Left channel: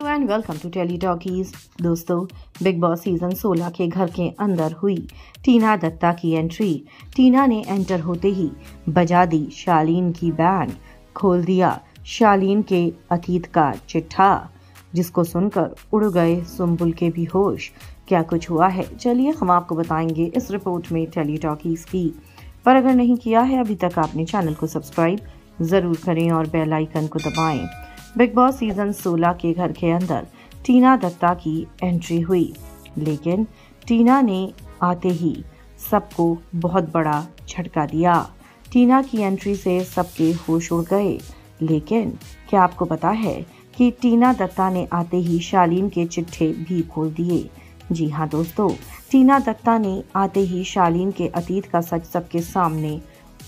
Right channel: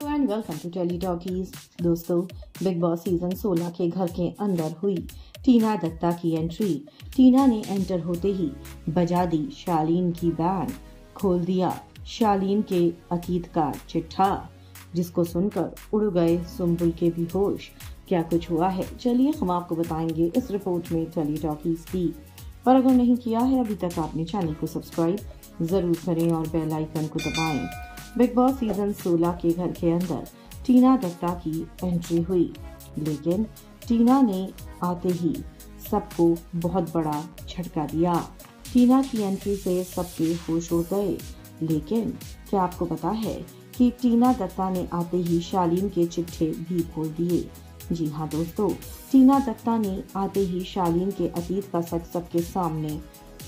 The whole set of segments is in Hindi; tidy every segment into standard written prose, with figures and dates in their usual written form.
And welcome to Telly Talkies. दोस्तों, बिग बॉस सीजन 16 के घर के अंदर हुई टीना दत्ता की एंट्री। टीना ने एंटर होते ही बजा दी शालीन की बैंड, खोल दिया शालीन के अतीत का चिट्ठा, जिसको सुनकर उड़ गए सुम्बुल के भी होश। क्या कुछ हुआ है, चलिए हम आपको बताएंगे इस रिपोर्ट में टेली टॉकीज की। पर अगर नहीं किया है अभी तक आपने चैनल को सब्सक्राइब जरूर करें और बेल आइकन को दबाएं। बिग बॉस सीजन 16 के घर के अंदर टीना दत्ता की एंट्री हुई, लेकिन टीना ने आते ही सबको बहुत बड़ा झटका दिया। टीना की एंट्री से सबके होश उड़ गए, लेकिन क्या आपको पता है कि टीना दत्ता ने आते ही शालीन के चिट्ठे भी खोल दिए। जी हाँ दोस्तों, टीना दत्ता ने आते ही शालीन के अतीत का सच सबके सामने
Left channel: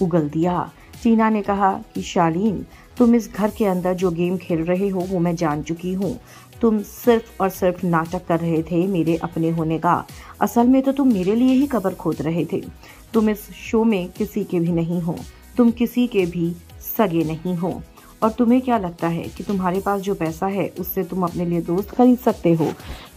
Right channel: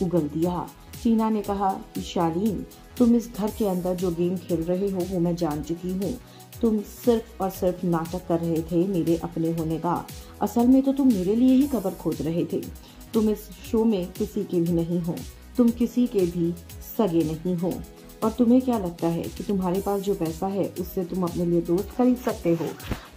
उगल दिया। टीना ने कहा कि शालीन, तुम इस घर के अंदर जो गेम खेल रहे हो वो मैं जान चुकी हूँ। तुम सिर्फ और सिर्फ नाटक कर रहे थे मेरे अपने होने का। असल में तो तुम मेरे लिए ही कब्र खोद रहे थे। तुम इस शो में किसी के भी नहीं हो, तुम किसी के भी सगे नहीं हो। और तुम्हें क्या लगता है कि तुम्हारे पास जो पैसा है उससे तुम अपने लिए दोस्त खरीद सकते हो?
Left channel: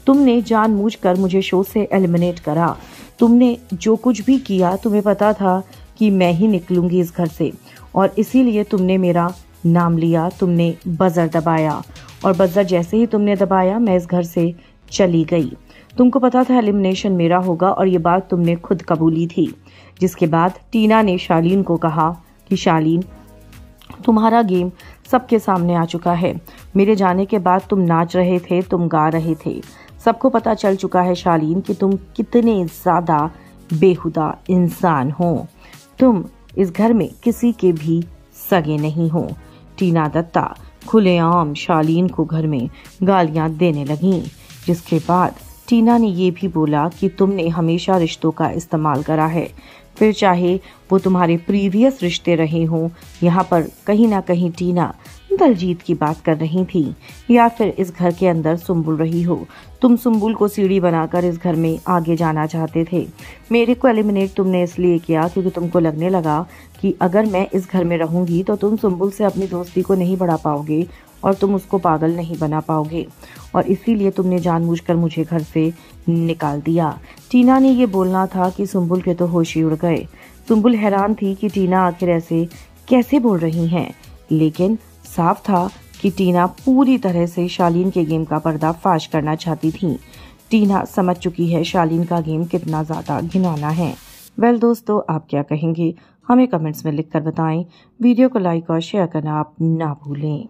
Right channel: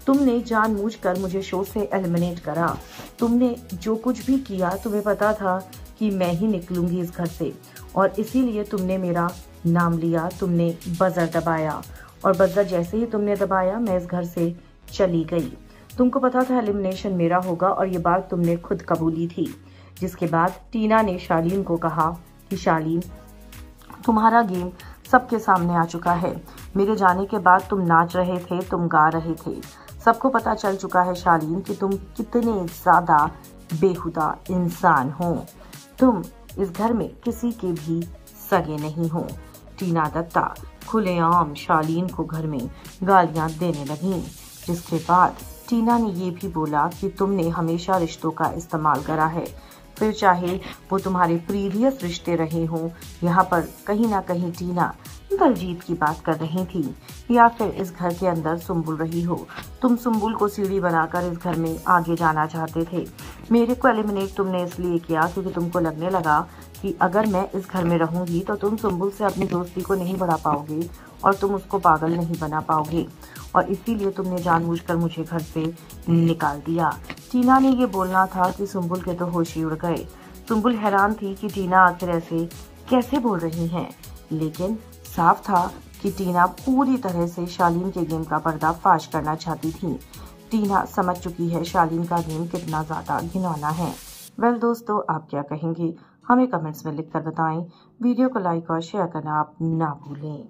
तुमने जानबूझकर मुझे शो से एलिमिनेट करा। तुमने जो कुछ भी किया, तुम्हें पता था कि मैं ही निकलूंगी इस घर से, और इसीलिए तुमने मेरा नाम लिया। तुमने बजर दबाया, और बजर जैसे ही तुमने दबाया मैं इस घर से चली गई। तुमको पता था एलिमिनेशन मेरा होगा, और ये बात तुमने खुद कबूली थी। जिसके बाद टीना ने शालीन को कहा कि शालीन, तुम्हारा गेम सबके सामने आ चुका है। मेरे जाने के बाद तुम नाच रहे थे, तुम गा रहे थे। सबको पता चल चुका है शालीन कि तुम कितने ज्यादा बेहुदा इंसान हो। तुम इस घर में किसी के भी सगे नहीं हो। टीना दत्ता खुलेआम शालीन को घर में गालियां देने लगी, जिसके बाद टीना ने ये भी बोला कि तुमने हमेशा रिश्तों का इस्तेमाल करा है, फिर चाहे वो तुम्हारे प्रीवियस रिश्ते रहे हो। यहाँ पर कहीं ना कहीं टीना दलजीत की बात कर रही थी, या फिर इस घर के अंदर सुम्बुल रही हो। तुम सुम्बुल को सीढ़ी बनाकर इस घर में आगे जाना चाहते थे। मेरे को एलिमिनेट तुमने इसलिए किया क्योंकि तुमको लगने लगा कि अगर मैं इस घर में रहूंगी तो तुम सुम्बुल से अपनी दोस्ती को नहीं बढ़ा पाओगे और तुम उसको पागल नहीं बना पाओगे, और इसीलिए तुमने जानबूझकर मुझे घर से निकाल दिया। टीना ने ये बोलना था कि सुम्बुल के तो होश ही उड़ गए। सुम्बुल हैरान थी कि टीना आखिर ऐसे कैसे बोल रही हैं, लेकिन साफ था कि टीना पूरी तरह से शालीन के गेम का पर्दाफाश करना चाहती थी। टीना समझ चुकी है शालीन का गेम कितना ज्यादा घिनौना है। वेल दोस्तों, आप क्या कहेंगे हमें कमेंट्स में लिखकर बताएं। वीडियो को लाइक और शेयर करना आप ना भूलें।